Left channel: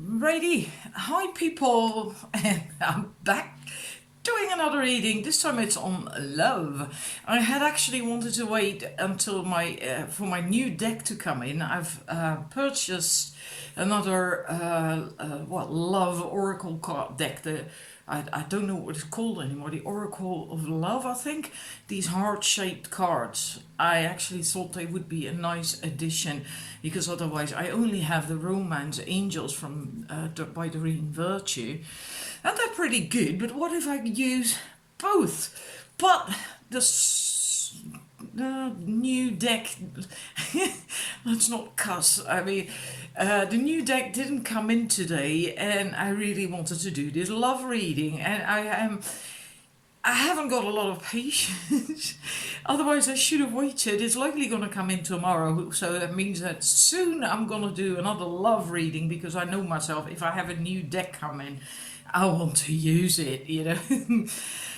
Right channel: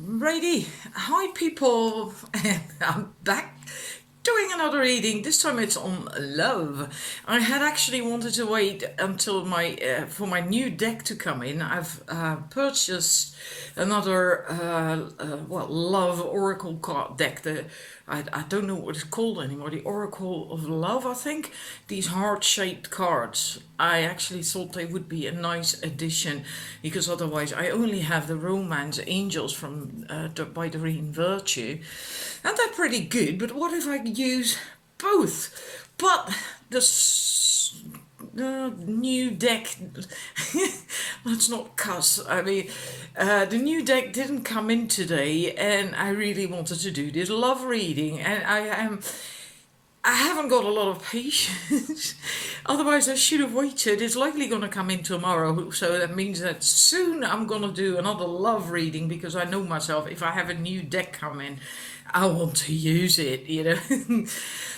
Righty, hi people, and I'm back doing another reading. This time it's on love. I had actually wanted to wait until my for my new deck to come in. I've purchased another love oracle card deck. I don't know what it's called anymore. The Oracle of Love, I think. These heart-shaped cards. I actually thought they would be a nice addition because otherwise I only have the Romance Angels from by Doreen Virtue, and they're pretty good. But what if I use both? But the new deck, let's not cuss. I mean, the new deck didn't come in today, and I really wanted to do this love reading, and I haven't got a lot of patience. Otherwise, I should have waited. It's likely going to come in tomorrow, so that means that soon I'm going to do another love reading because I know myself. If I have a new deck come in, I want to use it, you know.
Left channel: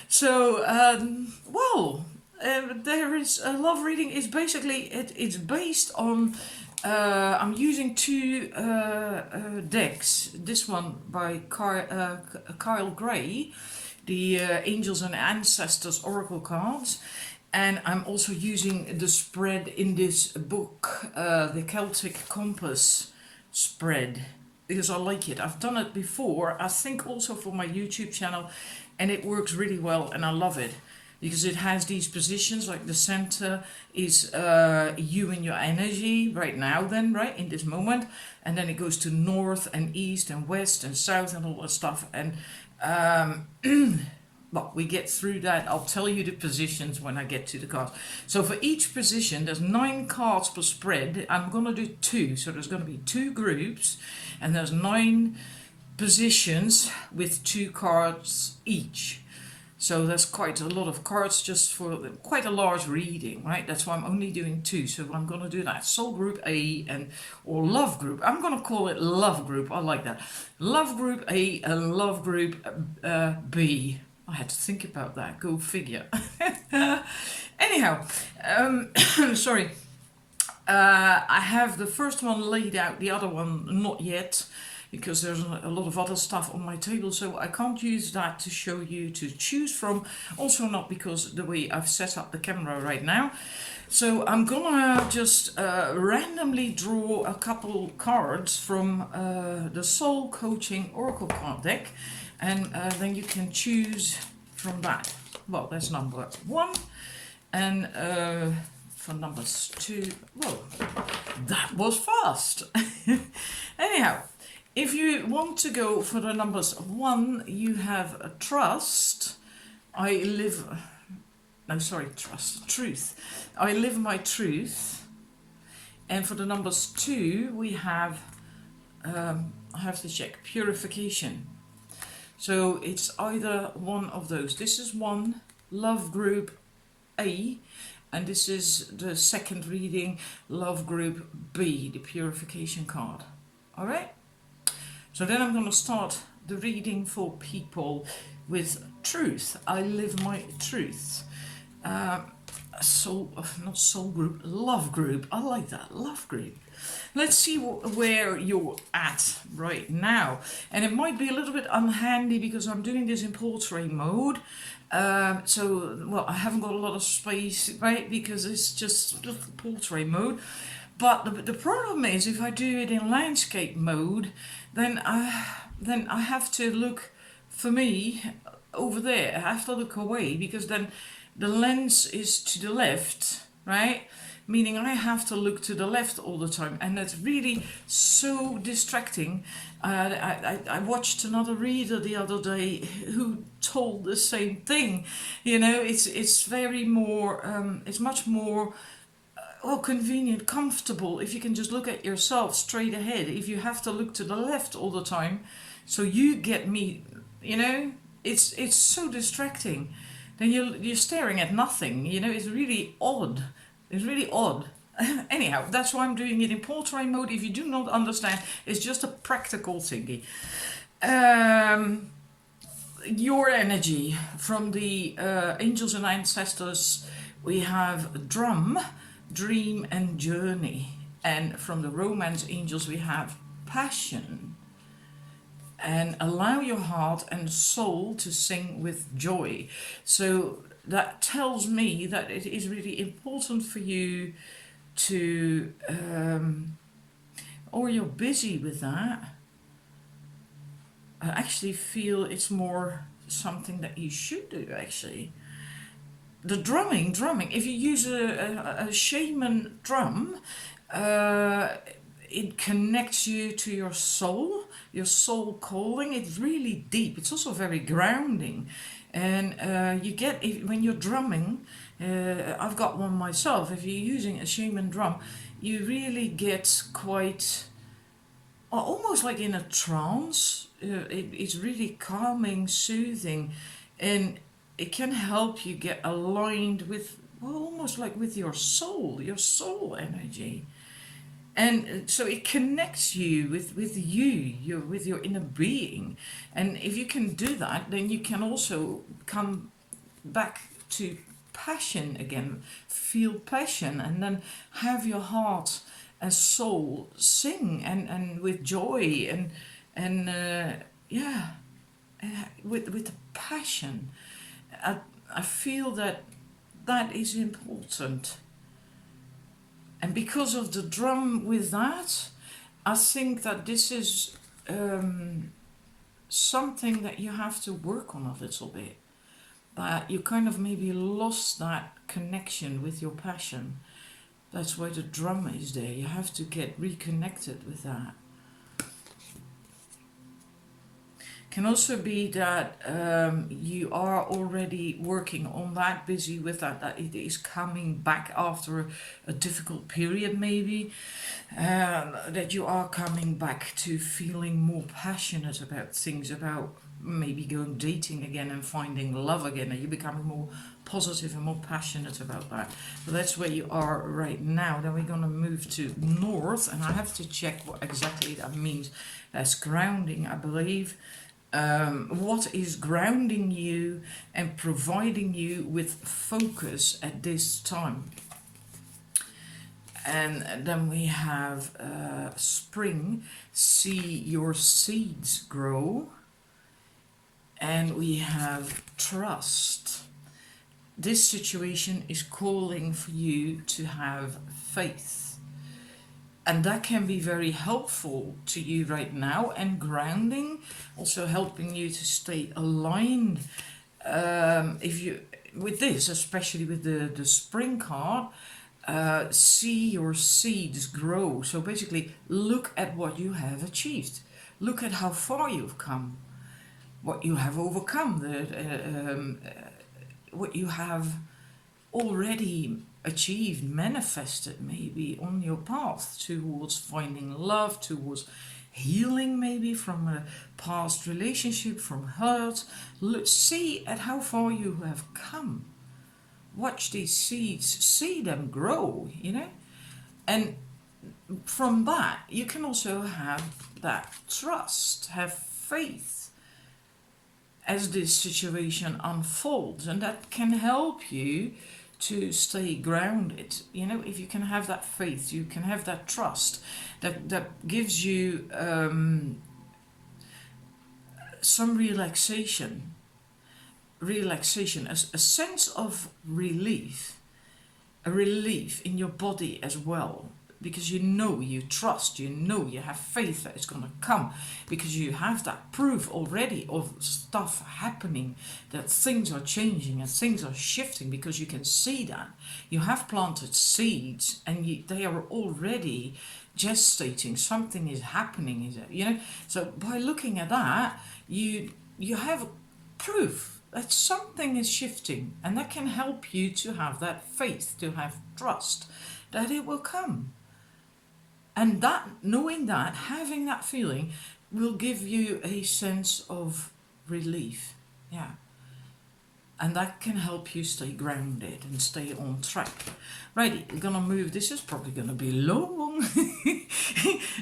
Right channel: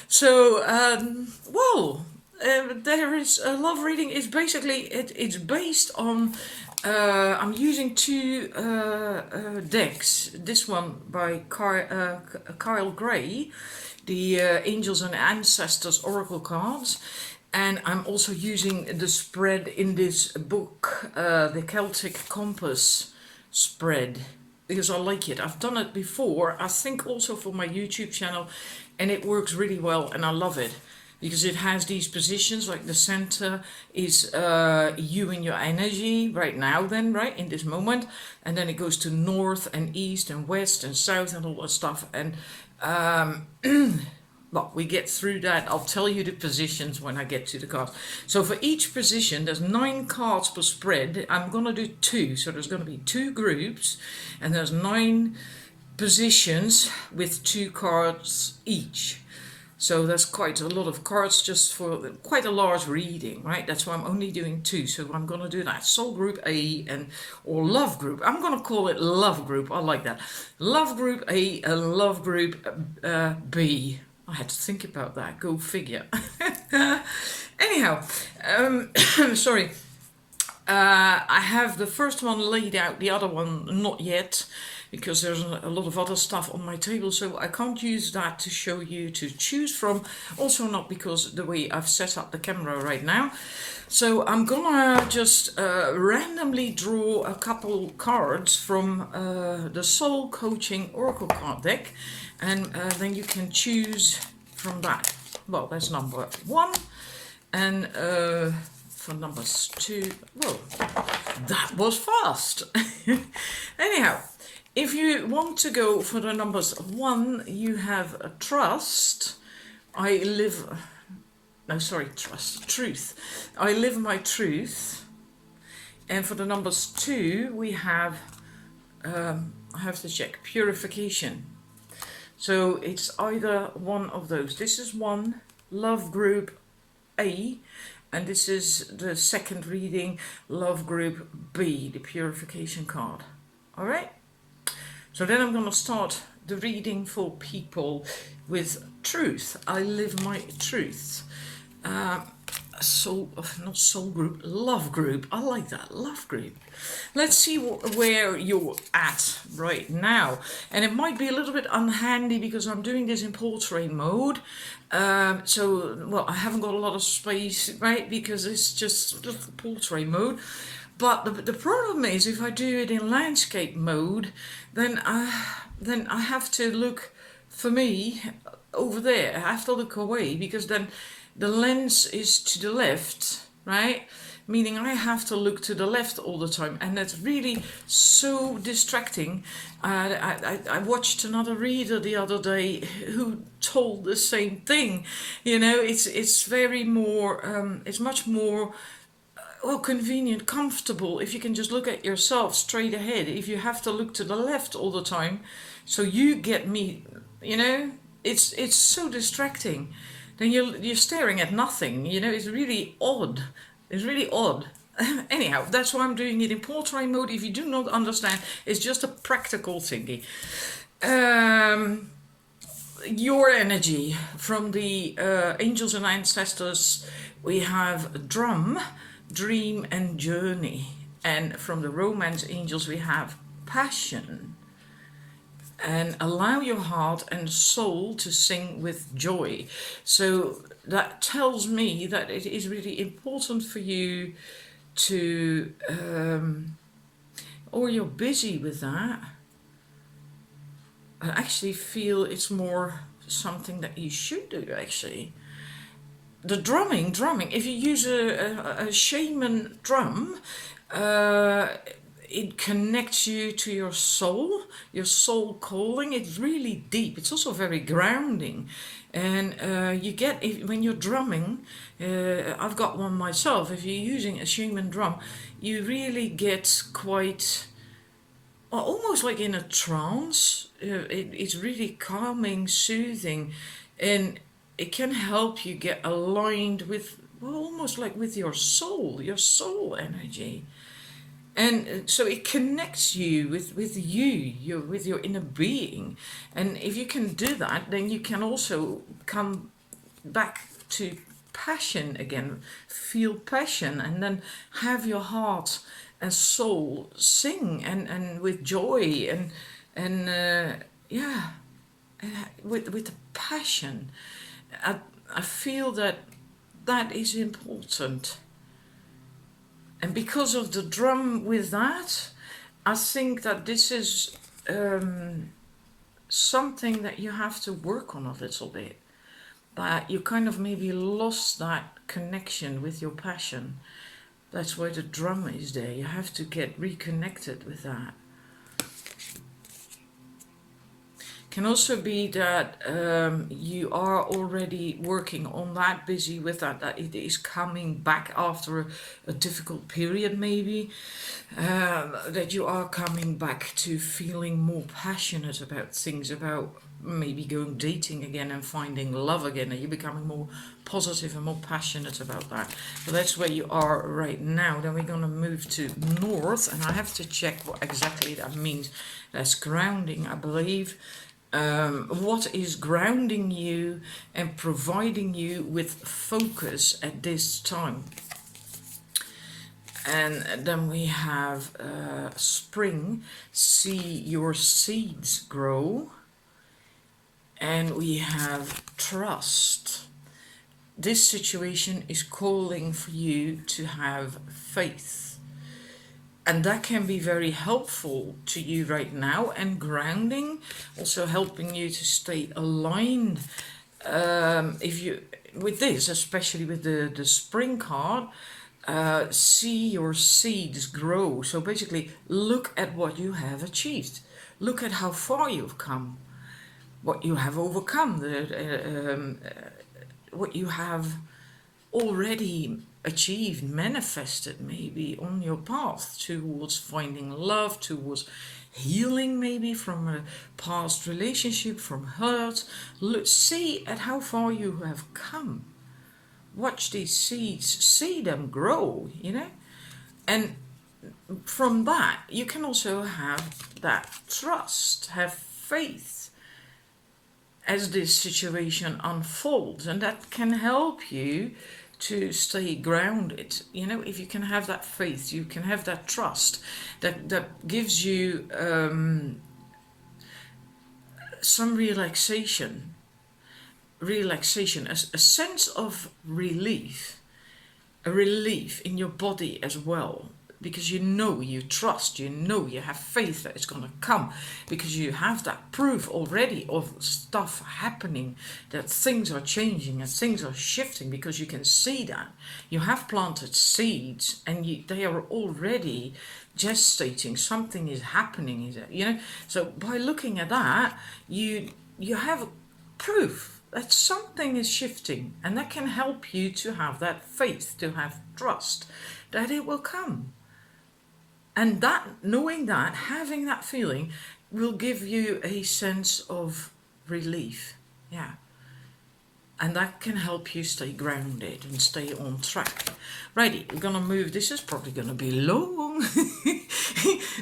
So, there is a love reading. Is basically it's based on. I'm using two decks. This one by Kyle Gray, the Angels and Ancestors Oracle cards, and I'm also using the spread in this book, the Celtic Compass spread, because I like it. I've done it before, I think also for my YouTube channel, and it works really well, and I love it because it has these positions, like the center is you and your energy right now, then, right, in this moment, and then it goes to north and east and west and south and all that stuff, and well, we get through that. I'll tell you the positions when I get to the cards. So for each position, there's 9 cards per spread. I'm going to do 2. So there's going to be 2 groups, and there's 9 positions with 2 cards each. So that's quite a lot of cards just for quite a large reading, right? That's why I'm only doing 2. So I'm going to do that Soul Group A or Love Group. I'm going to call it Love Group. I like that. Love Group A and Love Group B. I had to think about that. Go figure. Anyhow, sorry. I have the first one laid out, the other one not yet, because there's a lot of other stuff on my table, so I can't use that to show you to choose from. Also not because the way I've set up the camera right now. So I'm gonna just randomly draw a couple cards from the Soul Coaching Oracle card deck, and then you can choose from that. Well, that's number 1, and for numbers 2, well, that was fast. Anyhow, if you want to go for the numbers 1, you have a trust. Truth. I live my truth. And for the numbers 2, we have, I have to check, purification. So it's either one of those. This is 1, Love Group A, and this is the second reading, Love Group B, the purification card. All right? So then I'm going to start the reading for people with truth. I live my truth. Not soul group, love group. I like that, love group. Let's see where you're at right now. And it might be a little bit unhandy because I'm doing this in portrait mode. I haven't got a lot of space, right? Because it's just portrait mode. But the problem is, if I do it in landscape mode, then I have to look, for me, over there. I have to look away because then the lens is to the left, right? Meaning I have to look to the left all the time, and that's really so distracting. I watched another reader the other day who told the same thing. You know, it's very more, it's much more convenient, comfortable if you can just look at yourself straight ahead. If you have to look to the left all the time, so you get me, you know, it's so distracting. Then you're staring at nothing. You know, it's really odd. It's really odd. Anyhow, that's why I'm doing it in portrait mode. If you do not understand, it's just a practical thingy. Your energy from the Angels and Ancestors, we have Drum, Dream and Journey. And from the Romance Angels we have Passion. and allow your heart and soul to sing with joy. So that tells me that it is really important for you to, or you're busy with that. I actually feel it's more something that you should do, actually. The drumming, if you use a shaman drum, it connects you to your soul calling. It's really deep. It's also very grounding. And you get, when you're drumming, I've got one myself, if you're using a shaman drum, you really get quite, almost like in a trance. It's really calming, soothing, and it can help you get aligned with, well, almost like with your soul energy. And so it connects you with with your inner being. And if you can do that, then you can also come back to passion again, feel passion, and then have your heart and soul sing and with joy and yeah, with the passion. I feel that that is important. And because of the drum with that, I think that this is something that you have to work on a little bit. That you kind of maybe lost that connection with your passion. That's why the drum is there. You have to get reconnected with that. Can also be that you are already working on that, busy with that, that it is coming back after a difficult period maybe, that you are coming back to feeling more passionate about things, about maybe going dating again and finding love again, and you're becoming more positive and more passionate about that. So that's where you are right now. Then we're going to move to north, and I have to check what exactly that means. That's grounding, I believe. What is grounding you and providing you with focus at this time? And then we have spring, see your seeds grow. And we have trust. This situation is calling for you to have faith. And that can be very helpful to you right now, and grounding, also helping you to stay aligned. If you, with this, especially with the spring card, see your seeds grow. So basically, look at what you have achieved. Look at how far you've come, what you have overcome, what you have already achieved, manifested maybe on your path towards finding love, towards healing maybe from a past relationship, from hurt. See at how far you have come. Watch these seeds, see them grow, you know. And from that, you can also have that trust, have faith as this situation unfolds, and that can help you to stay grounded. You know, if you can have that faith, you can have that trust, that gives you some relaxation, a sense of relief, a relief in your body as well. Because you trust, you have faith that it's going to come, because you have that proof already of stuff happening, that things are changing and things are shifting, because you can see that. You have planted seeds and they are already gestating, something is happening, you know. So by looking at that, you have proof that something is shifting, and that can help you to have that faith, to have trust that it will come. And that, knowing that, having that feeling, will give you a sense of relief. Yeah. And that can help you stay grounded and stay on track. Righty, we're going to move. This is probably going to be long.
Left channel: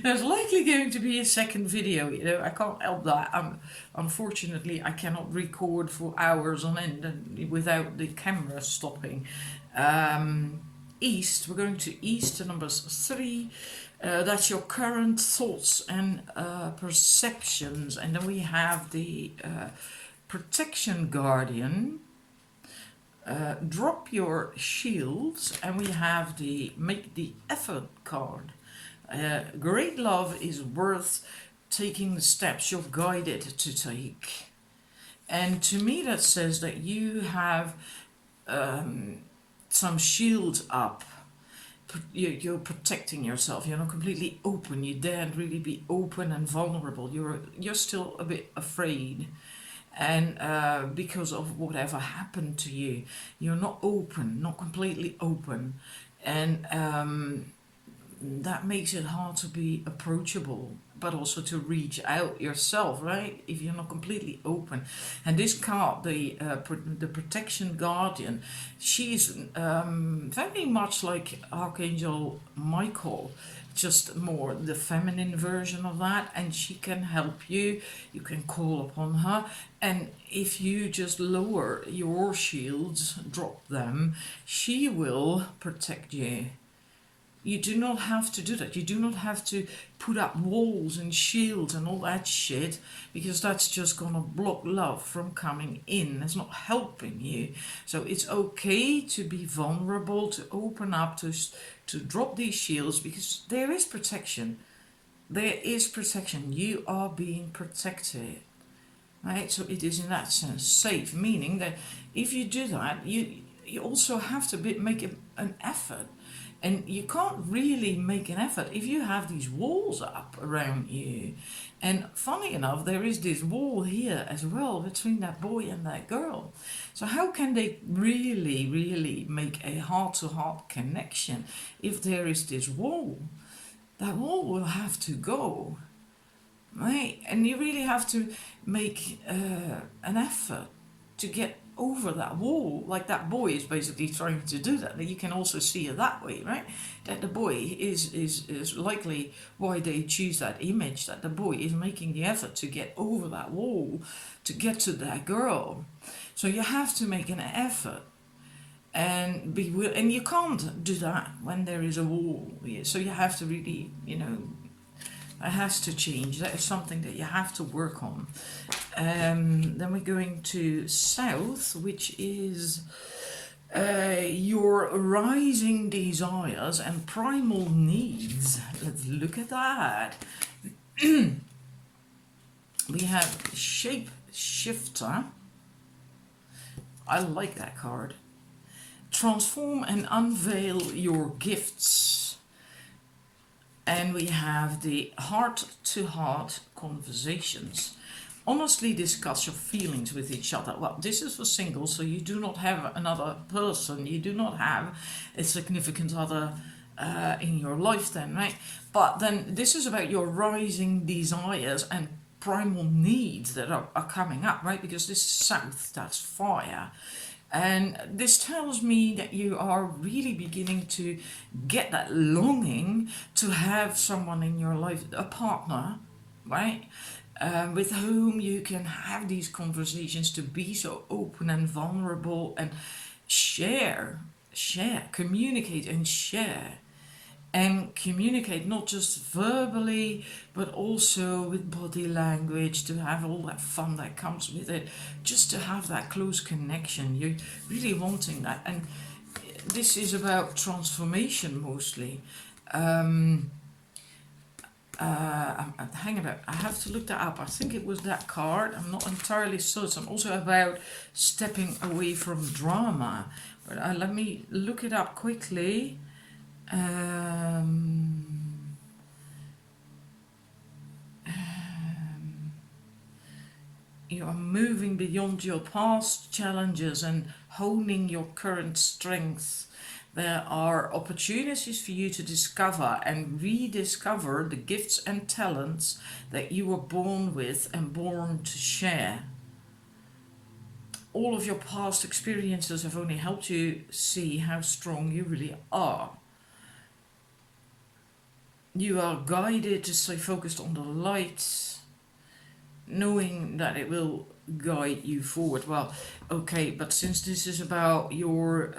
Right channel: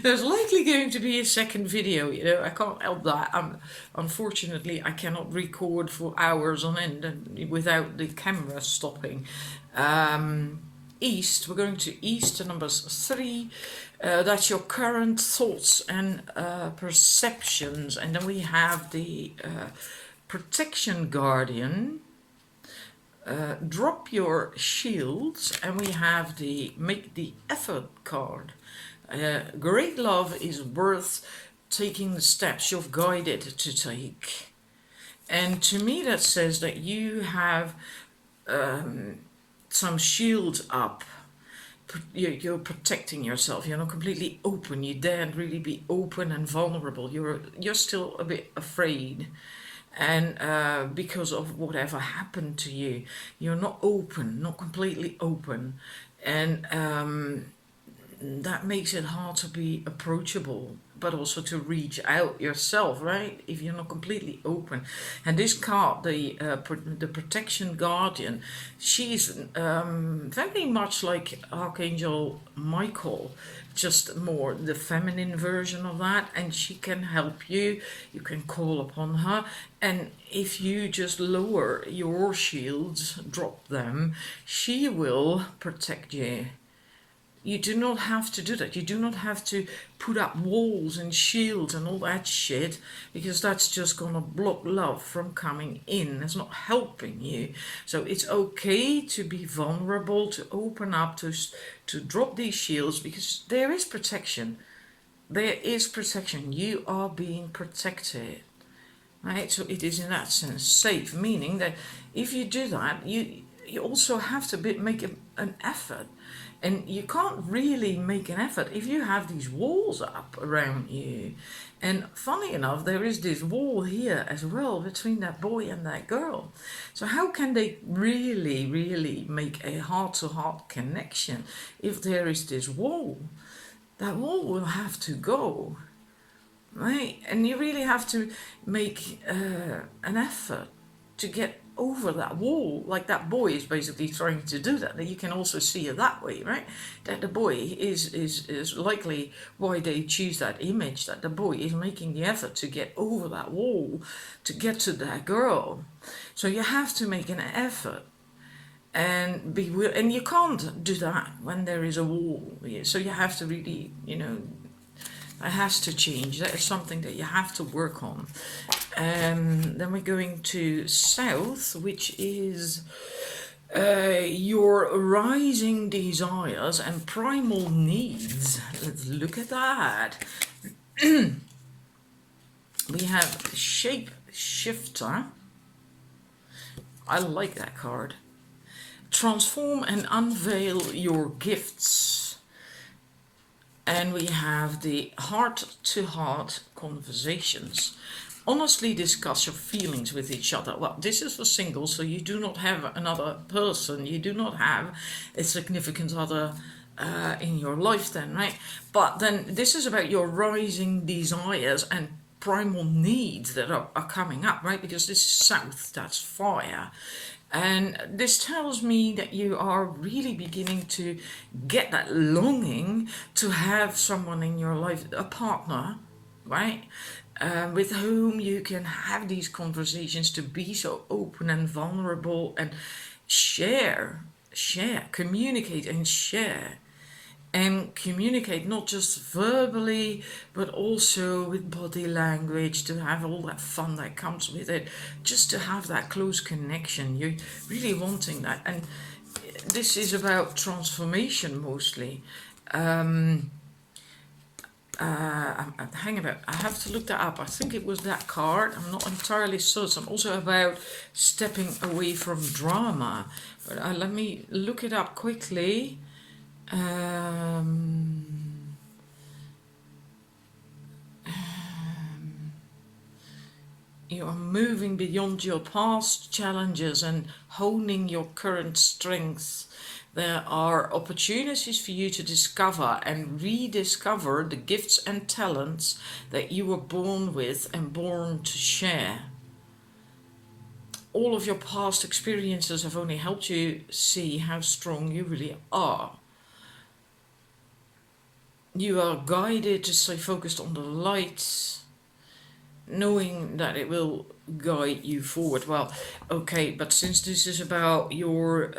There's likely going to be a second video, you know. I can't help that. Unfortunately, I cannot record for hours on end without the camera stopping. East, we're going to East to numbers 3. That's your current thoughts and perceptions. And then we have the protection guardian. Drop your shields, and we have the make the effort card. Great love is worth taking the steps you've guided to take. And to me, that says that you have some shields up. You're protecting yourself. You're not completely open. You daren't really be open and vulnerable. You're still a bit afraid, and because of whatever happened to you, you're not open, not completely open, and that makes it hard to be approachable, but also to reach out yourself, right? If you're not completely open. And this card, the protection guardian, she's very much like Archangel Michael, just more the feminine version of that, and she can help you. You can call upon her, and if you just lower your shields, drop them, she will protect you. You do not have to do that. You do not have to put up walls and shields and all that shit, because that's just going to block love from coming in. It's not helping you. So it's okay to be vulnerable, to open up, to drop these shields, because there is protection. There is protection. You are being protected. Right? So it is in that sense safe, meaning that if you do that, you also have to make an effort. And you can't really make an effort if you have these walls up around you. And funny enough, there is this wall here as well between that boy and that girl. So how can they really make a heart-to-heart connection if there is this wall? That wall will have to go, right? And you really have to make an effort to get over that wall, like that boy is basically trying to do that. You can also see it that way, right? That the boy is likely why they choose that image, that the boy is making the effort to get over that wall, to get to that girl. So you have to make an effort, and and you can't do that when there is a wall. So you have to really, it has to change. That is something that you have to work on. Then we're going to South, which is your rising desires and primal needs. Let's look at that. We have Shape Shifter. I like that card. Transform and unveil your gifts. And we have the heart-to-heart conversations. Honestly discuss your feelings with each other. Well, this is for singles, so you do not have another person. You do not have a significant other in your life then, right? But then this is about your rising desires and primal needs that are coming up, right? Because this is South, that's fire. And this tells me that you are really beginning to get that longing to have someone in your life, a partner, right? With whom you can have these conversations, to be so open and vulnerable and share, communicate and share. And communicate not just verbally, but also with body language, to have all that fun that comes with it, just to have that close connection. You're really wanting that. And this is about transformation mostly. Hang about, I have to look that up. I think it was that card. I'm not entirely certain. Also about stepping away from drama. But let me look it up quickly. You are moving beyond your past challenges and honing your current strengths. There are opportunities for you to discover and rediscover the gifts and talents that you were born with and born to share. All of your past experiences have only helped you see how strong you really are. You are guided to stay focused on the light. knowing that it will guide you forward. Well, okay, but since this is about your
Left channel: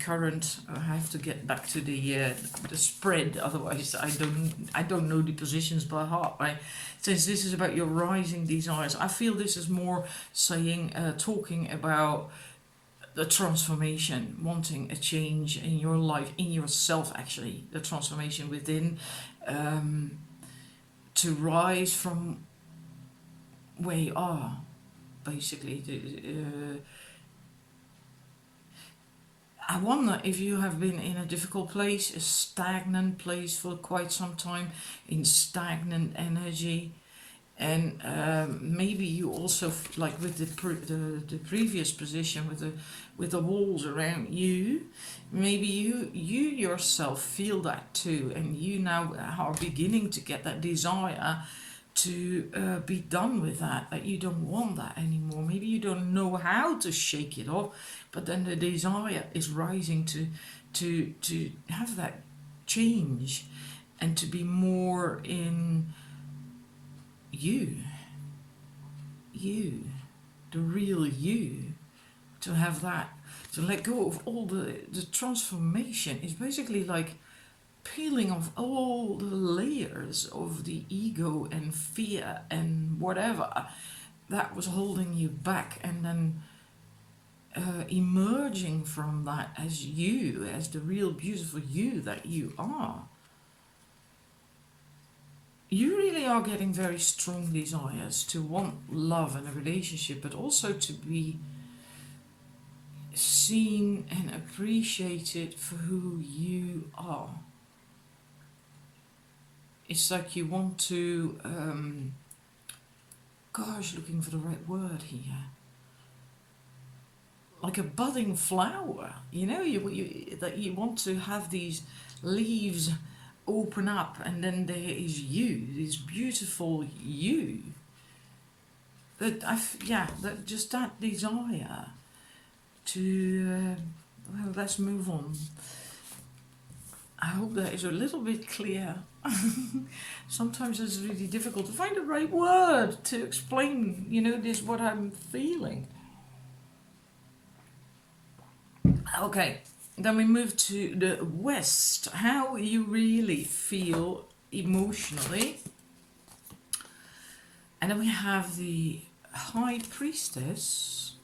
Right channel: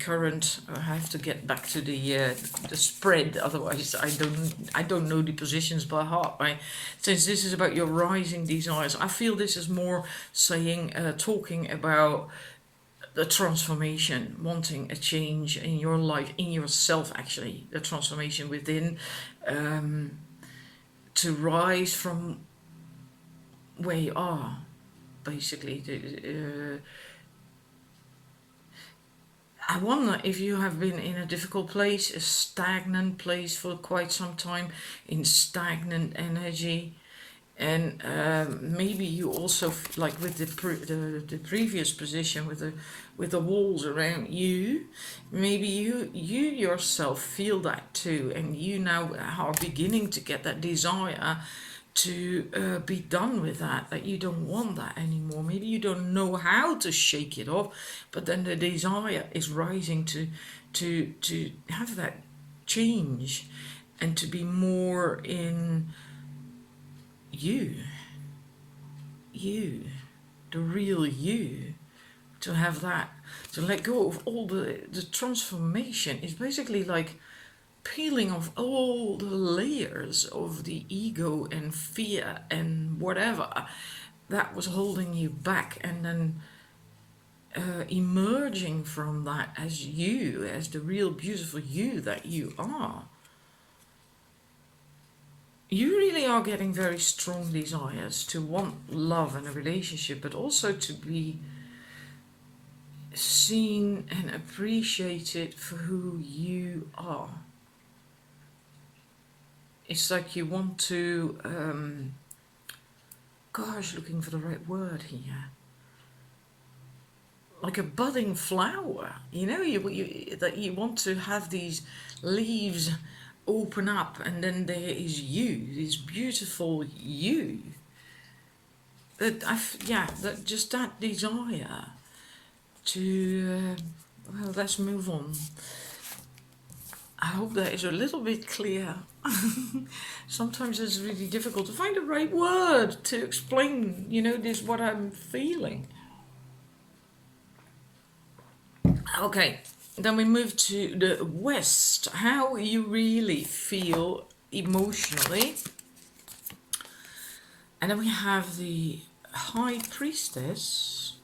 current, I have to get back to the spread. Otherwise, I don't know the positions by heart. Right? Since this is about your rising desires, I feel this is more saying, talking about the transformation, wanting a change in your life, in yourself. Actually, the transformation within, to rise from where you are, basically. I wonder if you have been in a difficult place, a stagnant place for quite some time, in stagnant energy, and maybe you also, like with the previous position with the walls around you, maybe you yourself feel that too, and you now are beginning to get that desire to be done with that you don't want that anymore. Maybe you don't know how to shake it off, but then the desire is rising to have that change and to be more in you, the real you, to have that, to let go of all the transformation is basically like peeling off all the layers of the ego and fear and whatever that was holding you back, and then emerging from that as you, as the real beautiful you that you are. You really are getting very strong desires to want love and a relationship, but also to be seen and appreciated for who you are. It's like you want to, looking for the right word here. Like a budding flower, that you want to have these leaves open up, and then there is you, this beautiful you. That that desire to. Well, let's move on. I hope that is a little bit clear. Sometimes it's really difficult to find the right word to explain, this what I'm feeling. Okay, then we move to the West. How you really feel emotionally. And then we have the High Priestess.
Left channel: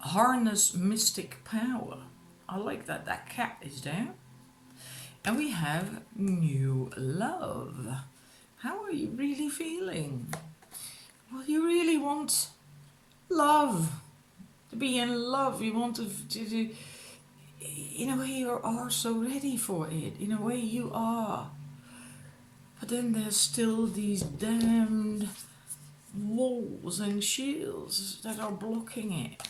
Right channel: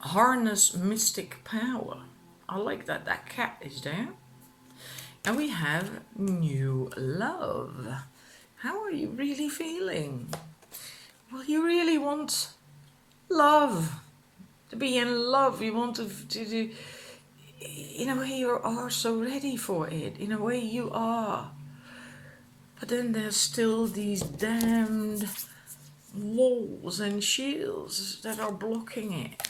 Harness mystic power. I like that cat is there. And we have new love. How are you really feeling? Well, you really want love. To be in love. You want to in a way you are so ready for it. In a way you are. But then there's still these damned walls and shields that are blocking it.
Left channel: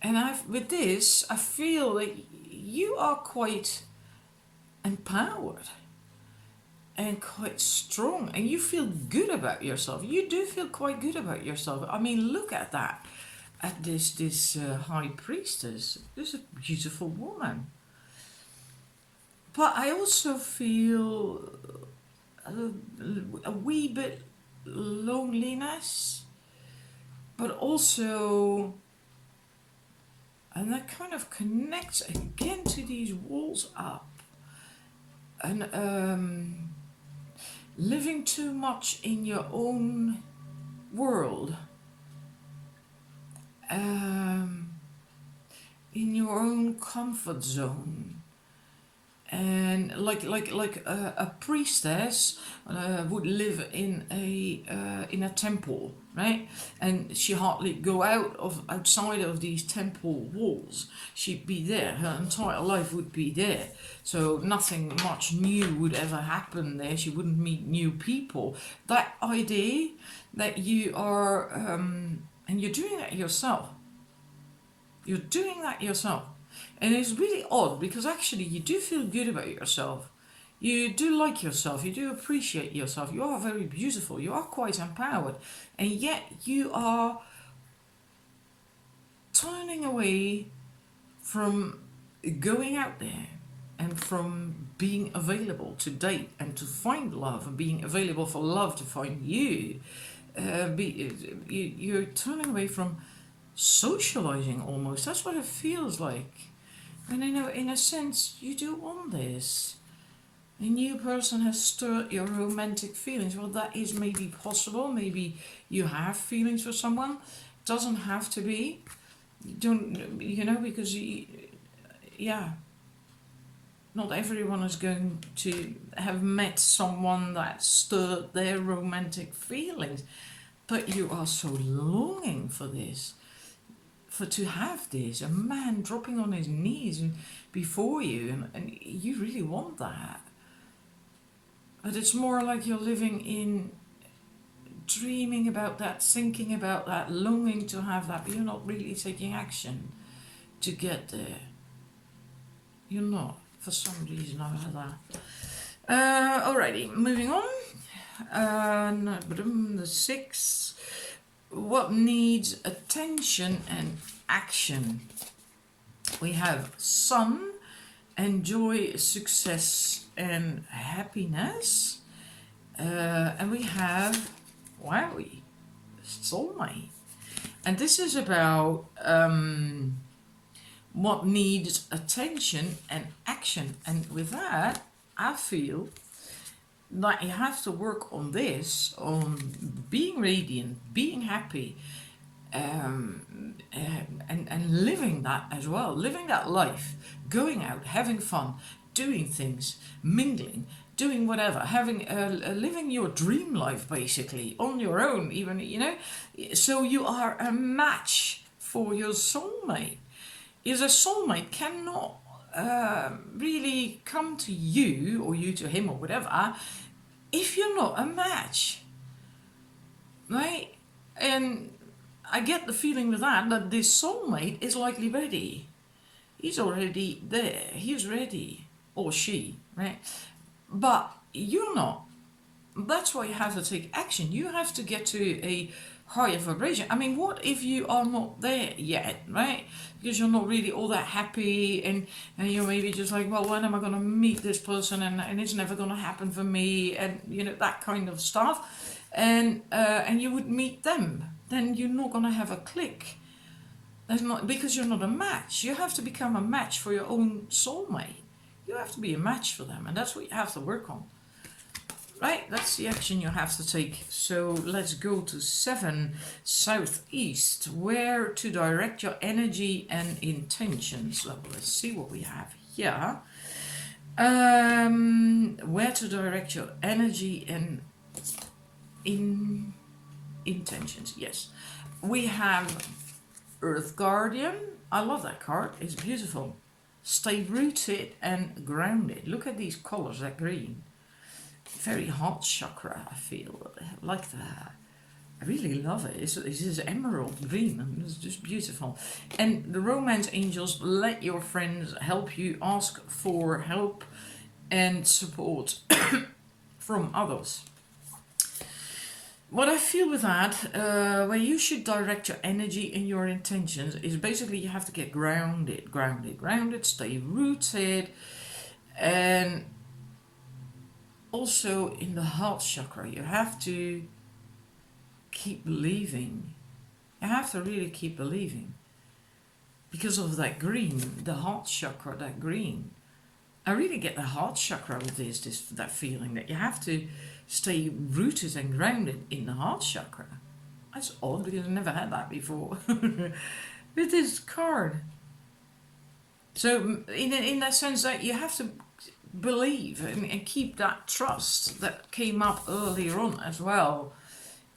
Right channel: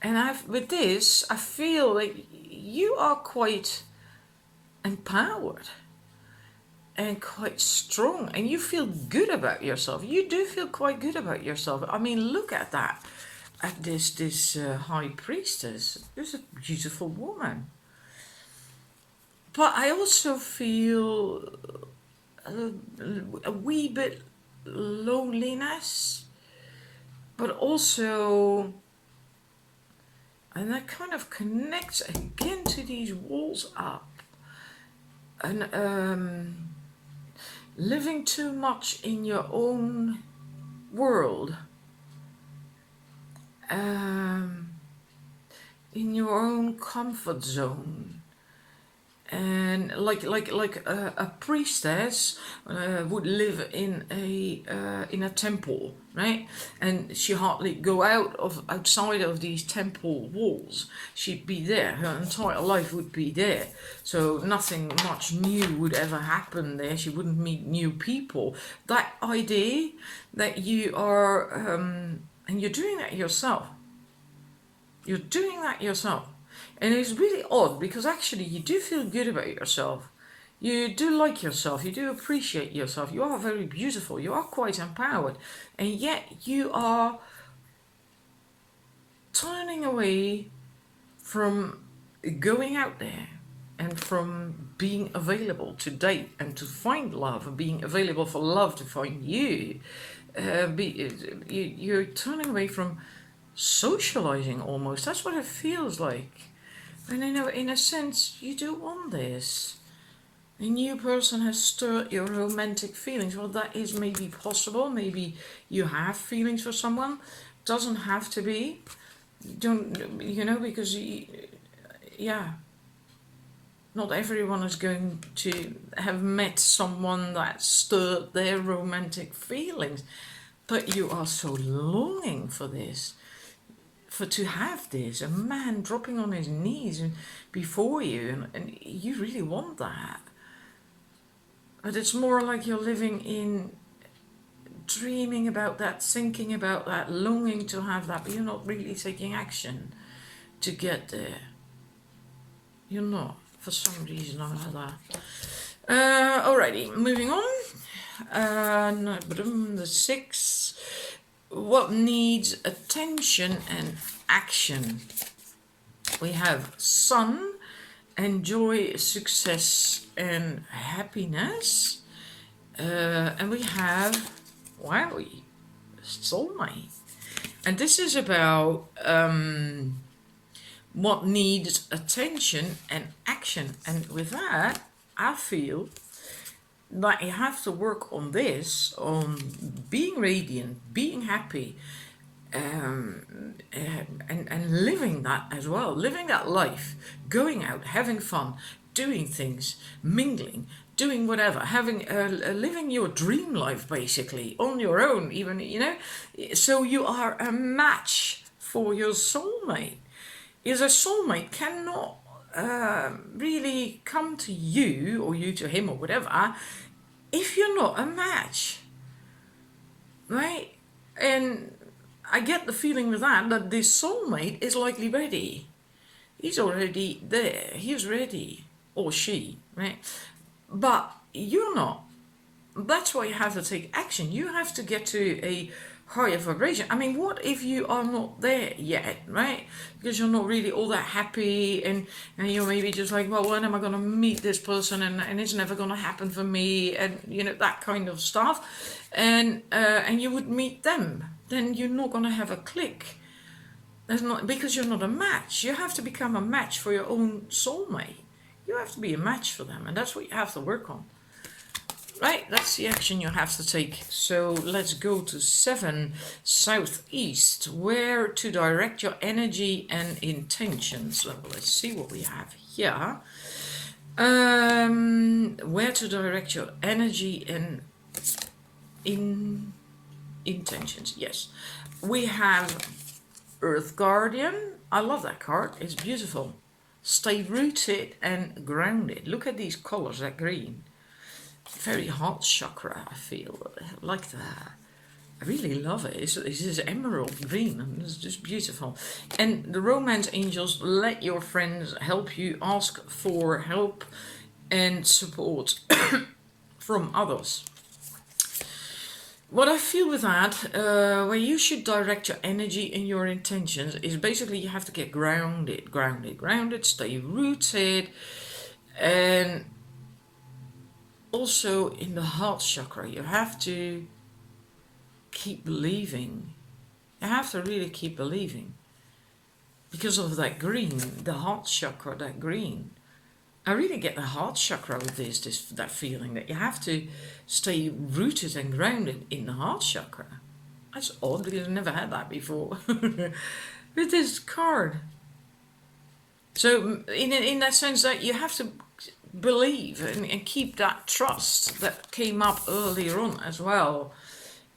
And with this, I feel that you are quite empowered and quite strong, and you feel good about yourself. You do feel quite good about yourself. I mean, look at that, at this High Priestess. This is a beautiful woman. But I also feel a wee bit loneliness, but also, and that kind of connects again to these walls up. And living too much in your own world, in your own comfort zone, and like a priestess would live in a temple, right? And she hardly go outside of these temple walls. She'd be there. Her entire life would be there. So nothing much new would ever happen there. She wouldn't meet new people. That idea that you are, and you're doing that yourself. You're doing that yourself. And it's really odd, because actually you do feel good about yourself. You do like yourself. You do appreciate yourself. You are very beautiful. You are quite empowered. And yet you are turning away from going out there and from being available to date and to find love, and being available for love to find you. you're turning away from socializing almost. That's what it feels like. And in a sense, you do want this. A new person has stirred your romantic feelings. Well, that is maybe possible. Maybe you have feelings for someone. Doesn't have to be. Don't, because yeah, not everyone is going to have met someone that stirred their romantic feelings, but you are so longing for this, to have this, a man dropping on his knees before you, and you really want that. But it's more like you're living in dreaming about that, thinking about that, longing to have that, but you're not really taking action to get there. You're not, for some reason or other. Alrighty, moving on. The 6. What needs attention and action? We have sun, enjoy, success and happiness. And we have wowie, soulmate. And this is about what needs attention and action. And with that, I feel that you have to work on this, on being radiant, being happy, and living that as well, living that life, going out, having fun, doing things, mingling, doing whatever, having living your dream life basically on your own, even so you are a match for your soulmate. Is a soulmate cannot really come to you or you to him or whatever if you're not a match, right? And I get the feeling with that this soulmate is likely ready. He's already there. He's ready, or she, right? But you're not. That's why you have to take action. You have to get to a higher vibration. I mean, what if you are not there yet, right? Because you're not really all that happy, and you're maybe just like, well, when am I going to meet this person, and it's never going to happen for me, and that kind of stuff, and you would meet them, then you're not going to have a click. That's not because you're not a match. You have to become a match for your own soulmate. You have to be a match for them, and that's what you have to work on. Right, that's the action you have to take. So let's go to 7, southeast, where to direct your energy and intentions. So let's see what we have here. Where to direct your energy and intentions. Yes, we have Earth Guardian. I love that card. It's beautiful. Stay rooted and grounded. Look at these colors, that green. Very heart chakra, I feel. I like that. I really love it. It's this emerald green, and it's just beautiful. And the romance angels, let your friends help you. Ask for help and support from others. What I feel with that, where you should direct your energy and your intentions, is basically you have to get grounded, stay rooted, and also in the heart chakra, you have to keep believing. You have to really keep believing. Because of that green, the heart chakra, that green. I really get the heart chakra with that feeling that you have to stay rooted and grounded in the heart chakra. That's odd because I've never had that before with this card. So in that sense that you have to believe and keep that trust that came up earlier on as well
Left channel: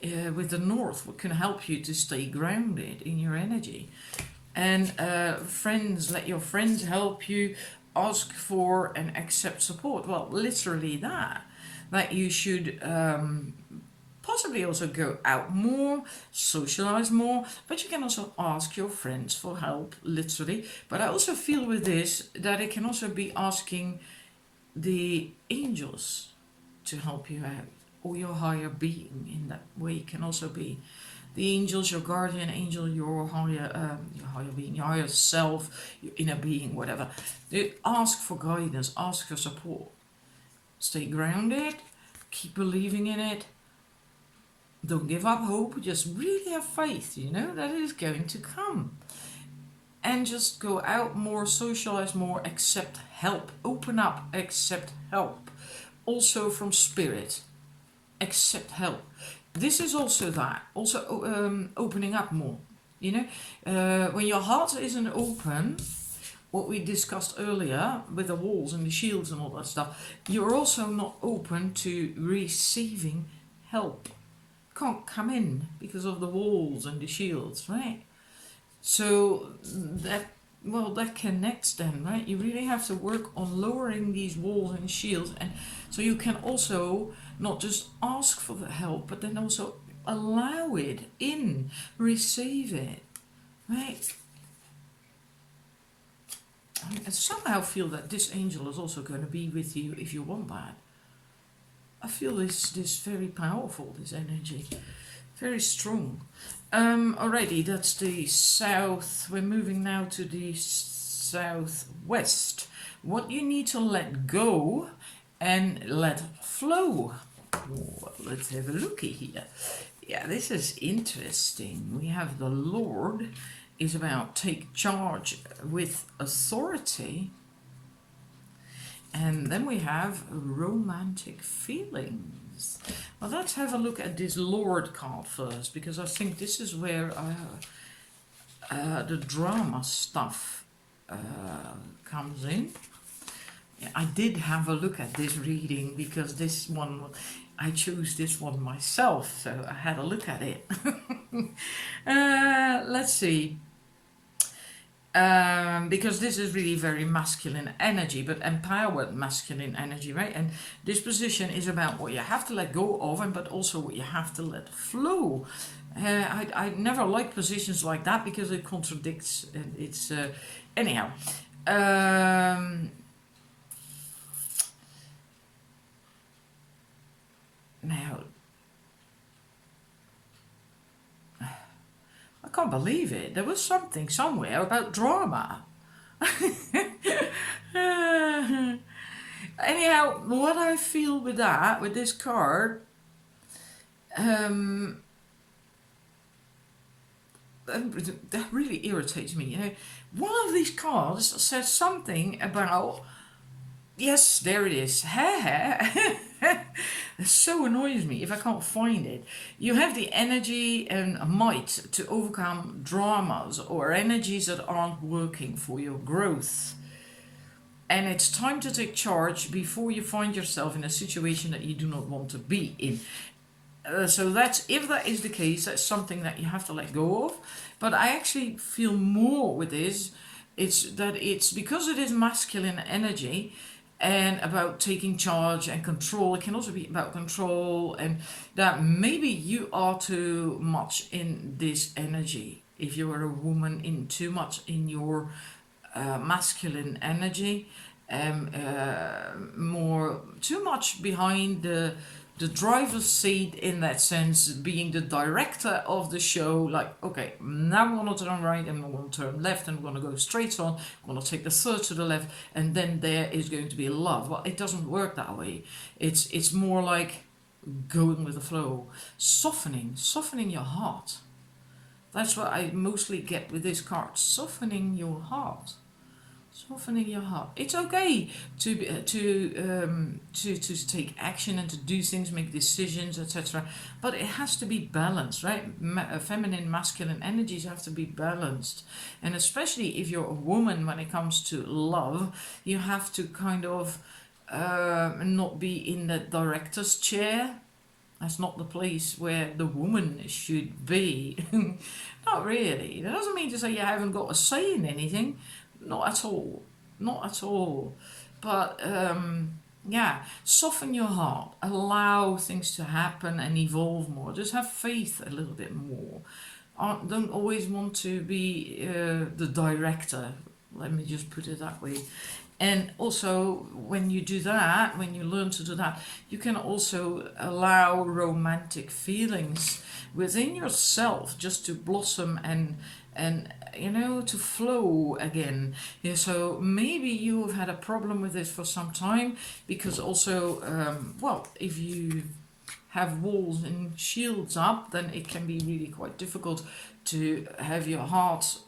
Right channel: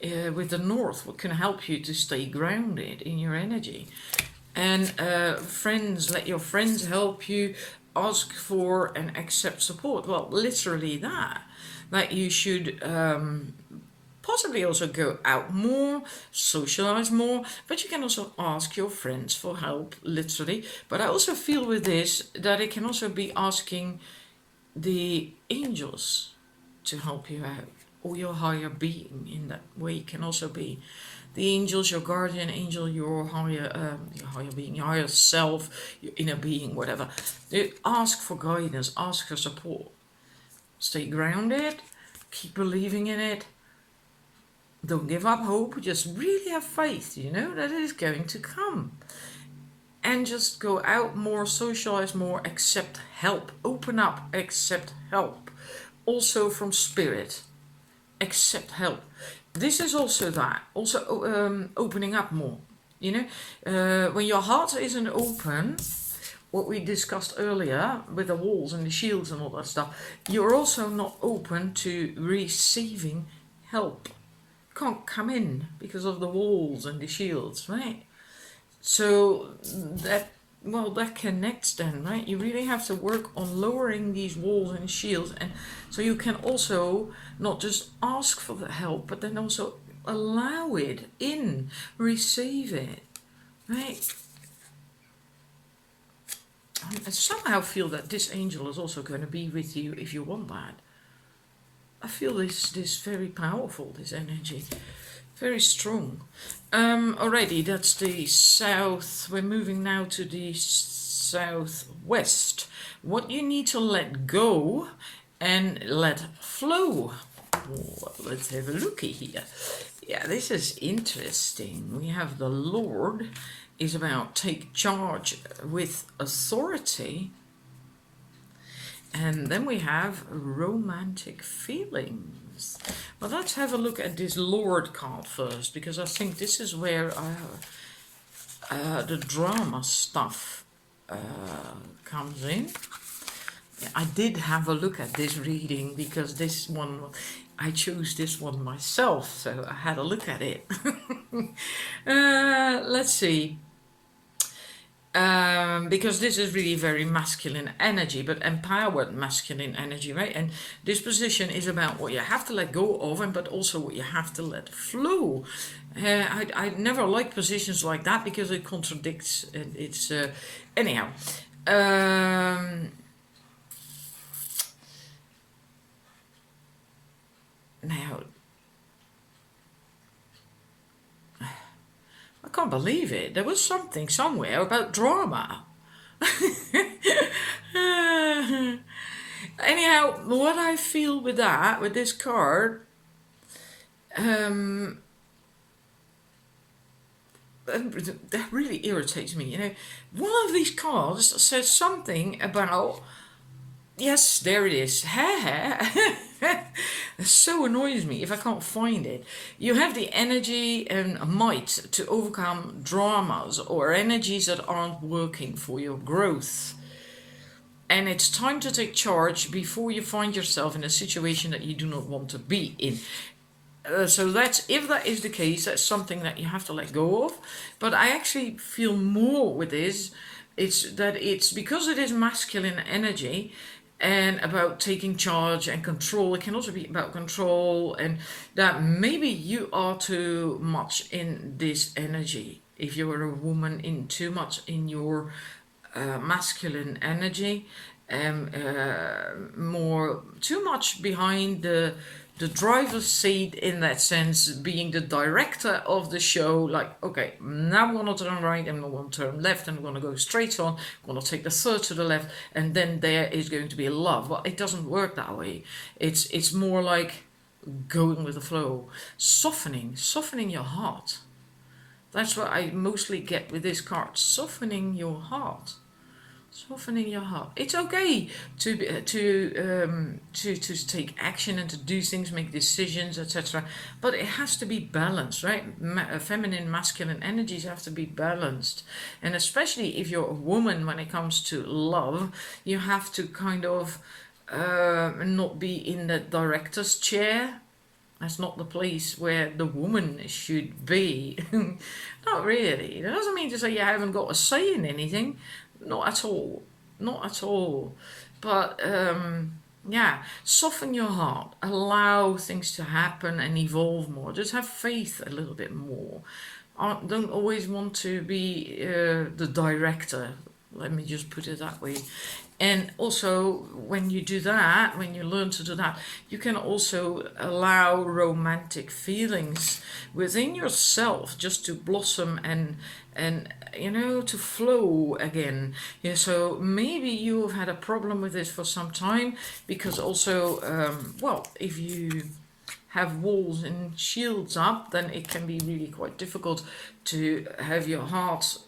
with the North, what can help you to stay grounded in your energy. And friends, let your friends help you. Ask for and accept support. Well, literally that you should possibly also go out more, socialize more, but you can also ask your friends for help, literally. But I also feel with this that it can also be asking the angels to help you out, or your higher being. In that way it can also be the angels, your guardian angel, your higher being, your higher self, your inner being, whatever. They ask for guidance, ask for support. Stay grounded, keep believing in it. don't give up hope. Just really have faith, that it is going to come. And just go out more, socialize more, accept help, open up, accept help. Also from spirit, accept help. This is also that, also opening up more. When your heart isn't open, what we discussed earlier with the walls and the shields and all that stuff, you're also not open to receiving help. Can't come in because of the walls and the shields, right? So that connects then, right? You really have to work on lowering these walls and shields, and so you can also not just ask for the help, but then also allow it in, receive it, right? I somehow feel that this angel is also going to be with you if you want that. I feel this very powerful, this energy. Very strong. Alrighty, that's the south. We're moving now to the southwest. What you need to let go and let flow. Well, let's have a looky here. Yeah, this is interesting. We have the Lord is about take charge with authority. And then we have romantic feelings. Well, let's have a look at this Lord card first, because I think this is where the drama stuff comes in. I did have a look at this reading because this one, I chose this one myself, so I had a look at it. Let's see. Because this is really very masculine energy, but empowered masculine energy, right? And this position is about what you have to let go of, but also what you have to let flow. I never like positions like that because it contradicts. It's anyhow. Now, I can't believe it. There was something somewhere about drama. Anyhow, what I feel with that, with this card, that really irritates me. One of these cards says something about, yes, there it is. It so annoys me if I can't find it. You have the energy and might to overcome dramas or energies that aren't working for your growth. And it's time to take charge before you find yourself in a situation that you do not want to be in. So that's, if that is the case, that's something that you have to let go of. But I actually feel more with this. It's because it is masculine energy, and about taking charge and control. It can also be about control, and that maybe you are too much in this energy. If you are a woman, in too much in your masculine energy, too much behind the driver's seat, in that sense, being the director of the show, like, okay, now I'm going to turn right, and I'm going to turn left, and I'm going to go straight on, I'm going to take the third to the left, and then there is going to be love. Well, it doesn't work that way. It's more like going with the flow, softening your heart. That's what I mostly get with this card, softening your heart. Softening your heart. It's okay to take action and to do things, make decisions, etc. But it has to be balanced, right? Feminine, masculine energies have to be balanced, and especially if you're a woman, when it comes to love, you have to kind of not be in the director's chair. That's not the place where the woman should be. Not really. It doesn't mean to say you haven't got a say in anything. Not at all. Not at all. But, soften your heart. Allow things to happen and evolve more. Just have faith a little bit more. Don't always want to be the director. Let me just put it that way. And also, when you do that, when you learn to do that, you can also allow romantic feelings within yourself just to blossom and to flow again. Yeah, so maybe you have had a problem with this for some time, because also, if you have walls and shields up, then it can be really quite difficult to have your heart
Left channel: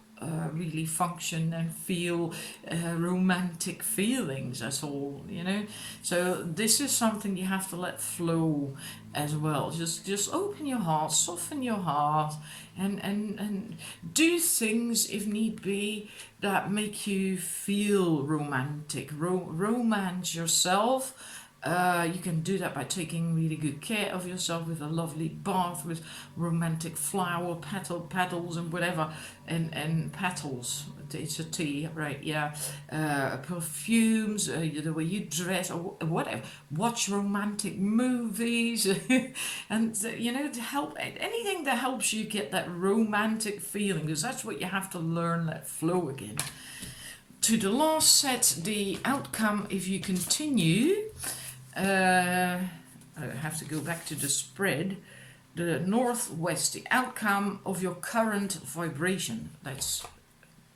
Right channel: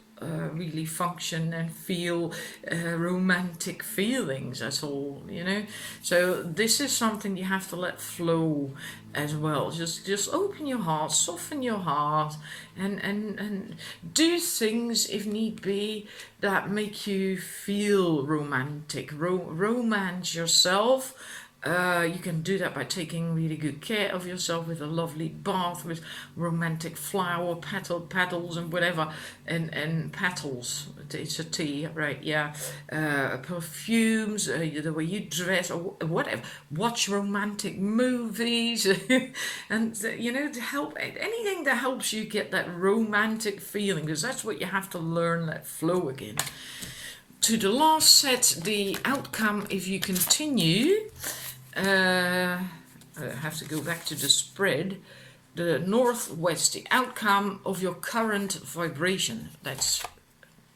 really function and feel romantic feelings at all, you know. So this is something you have to let flow as well. Just open your heart, soften your heart, and do things if need be that make you feel romantic. Romance yourself. You can do that by taking really good care of yourself with a lovely bath with romantic flower petals and whatever, and petals. It's a tea, right? Yeah. Perfumes, the way you dress, or whatever. Watch romantic movies, and you know, to help anything that helps you get that romantic feeling, because that's what you have to learn. Let flow again. To the last set, the outcome if you continue. I have to go back to the spread. The northwest, the outcome of your current vibration. That's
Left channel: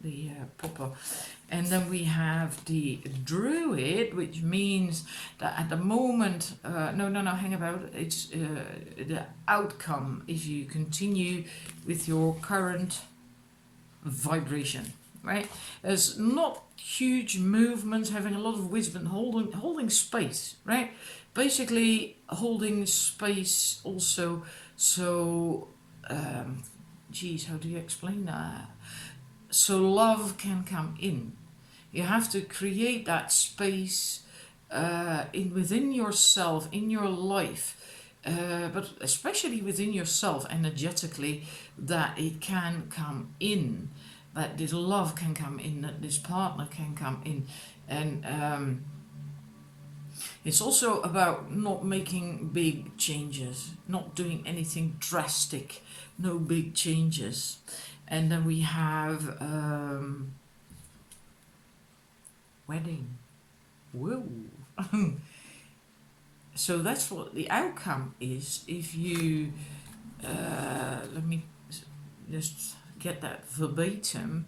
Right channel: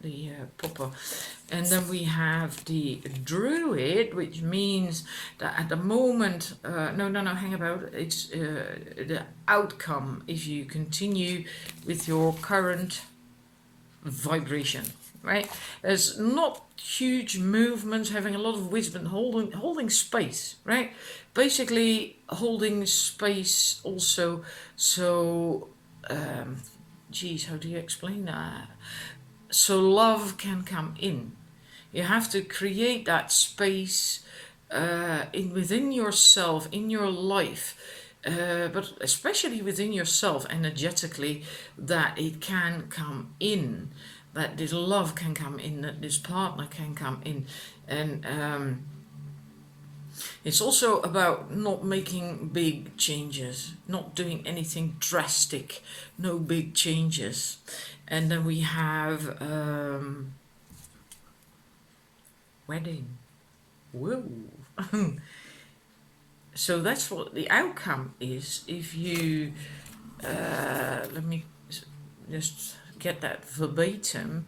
the proper. And then we have the druid, which means that at the moment, hang about. It's the outcome if you continue with your current vibration. Right? There's not huge movements, having a lot of wisdom, holding space, right? Basically holding space also. So how do you explain that? So love can come in. You have to create that space within yourself, in your life, but especially within yourself energetically, that it can come in. That this love can come in, that this partner can come in. And it's also about not making big changes, not doing anything drastic, no big changes. And then we have wedding. Whoa. So that's what the outcome is. If you, let me just get that verbatim,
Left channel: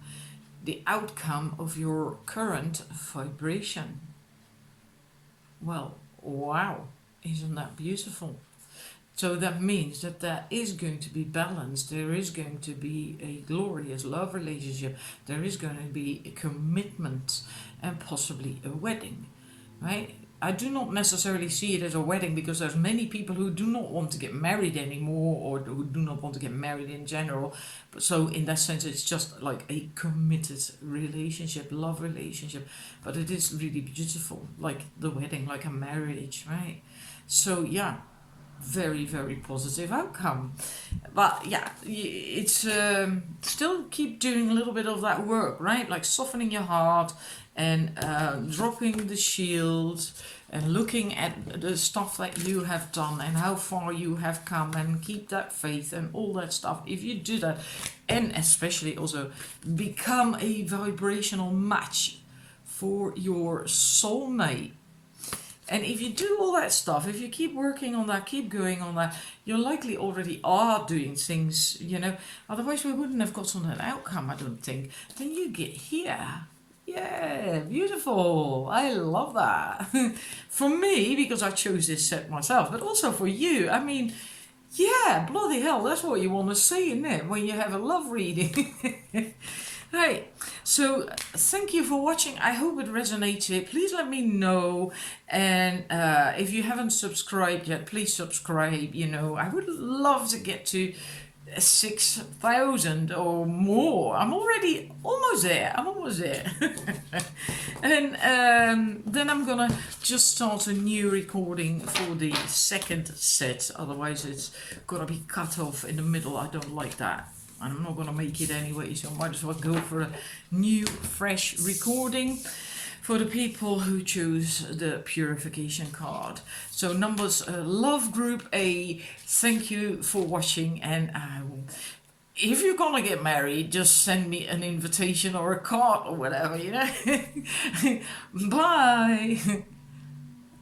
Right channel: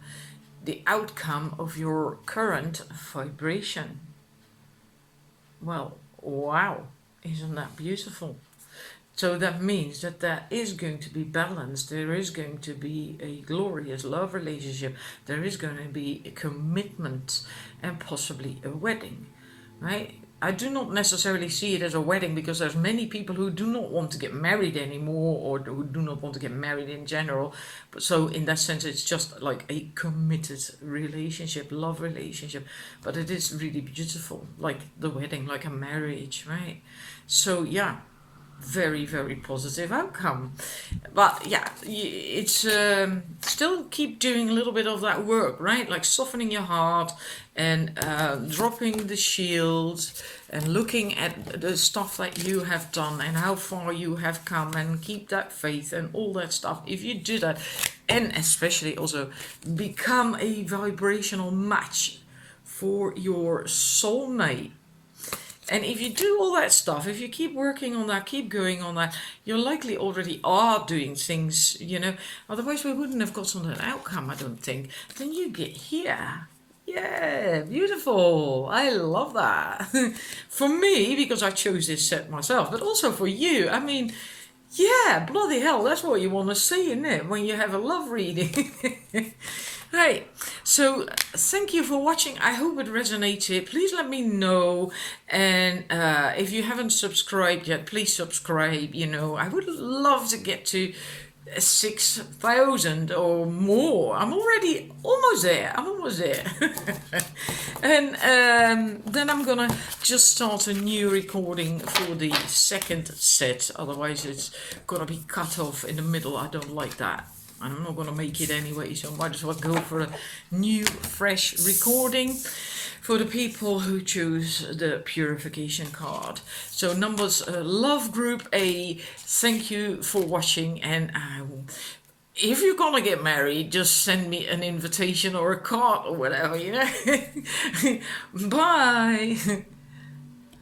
the outcome of your current vibration. Well, wow, isn't that beautiful? So that means that there is going to be balance, there is going to be a glorious love relationship, there is going to be a commitment and possibly a wedding, right? I do not necessarily see it as a wedding, because there's many people who do not want to get married anymore, or who do not want to get married in general. But so in that sense, it's just like a committed relationship, love relationship. But it is really beautiful, like the wedding, like a marriage, right? So yeah, very, very positive outcome. But yeah, it's still keep doing a little bit of that work, right? Like softening your heart and dropping the shields and looking at the stuff that you have done and how far you have come, and keep that faith and all that stuff. If you do that, and especially also become a vibrational match for your soulmate. And if you do all that stuff, if you keep working on that, keep going on that, you likely already are doing things, you know. Otherwise, we wouldn't have gotten that outcome, I don't think. Then you get here. Yeah, beautiful. I love that. For me, because I chose this set myself, but also for you. I mean, yeah, bloody hell, that's what you want to see, isn't it? When you have a love reading. Right, so thank you for watching. I hope it resonated. Please let me know, and if you haven't subscribed yet, please subscribe. You know, I would love to get to 6,000 or more. I'm already almost there. And then I'm gonna just start a new recording for the second set. Otherwise, it's gonna be cut off in the middle. I don't like that. I'm not going to make it anyway, so I might as well go for a new, fresh recording for the people who choose the purification card. So numbers, love group A, thank you for watching, and if you're going to get married, just send me an invitation or a card or whatever, you know. Bye.